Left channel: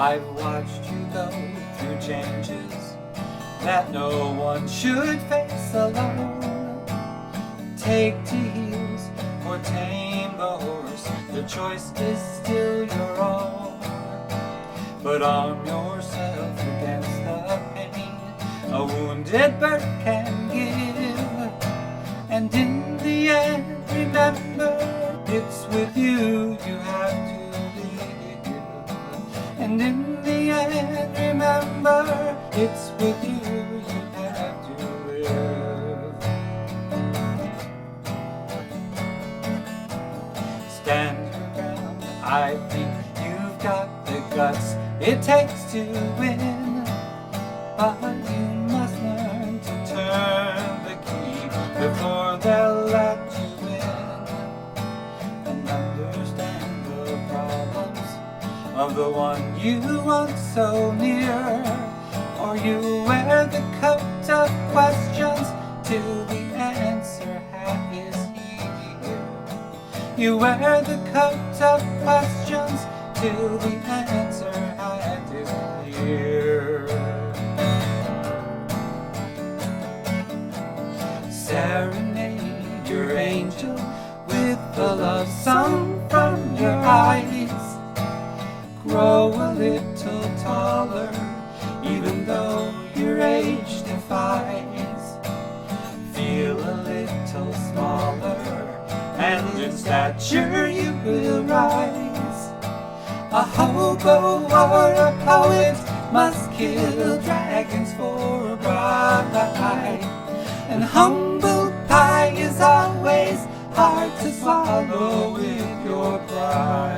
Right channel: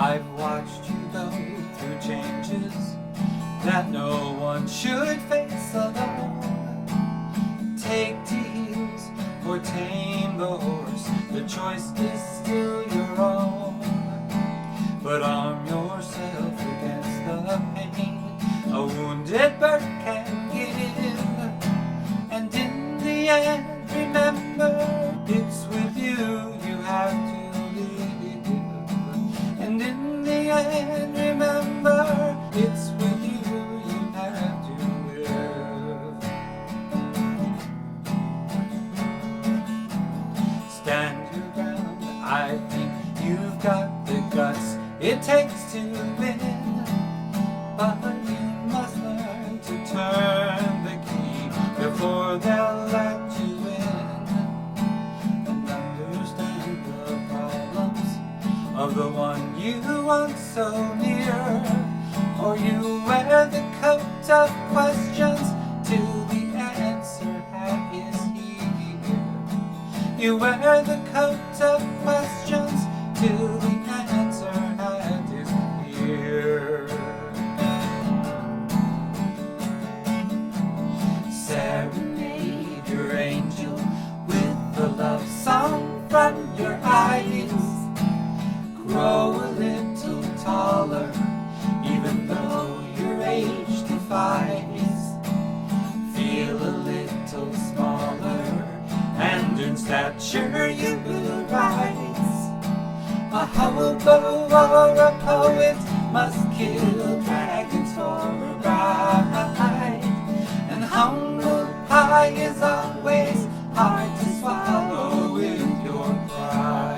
I've watched you go through changes that no one should face alone. Take to heels or tame the horse, the choice is still your own. But arm yourself against the pain a wounded bird can give. And in the end, remember, it's with you you have to live. And in the end, remember, it's with you you have to live. Stand your ground, I think you've got the guts it takes to win. But you must learn to turn the key before they'll let you in. And understand the problems of the one you want so near. Or you wear the coat of questions till the answer is here. You wear the coat of questions till the answer is here. Serenade your angel with a love song from your eyes. Grow a little taller, even though your age defies. Feel a little smaller, and in stature you will rise. A hobo or a poet must kill dragons for a bride. And humble pie is always hard to swallow with your pride.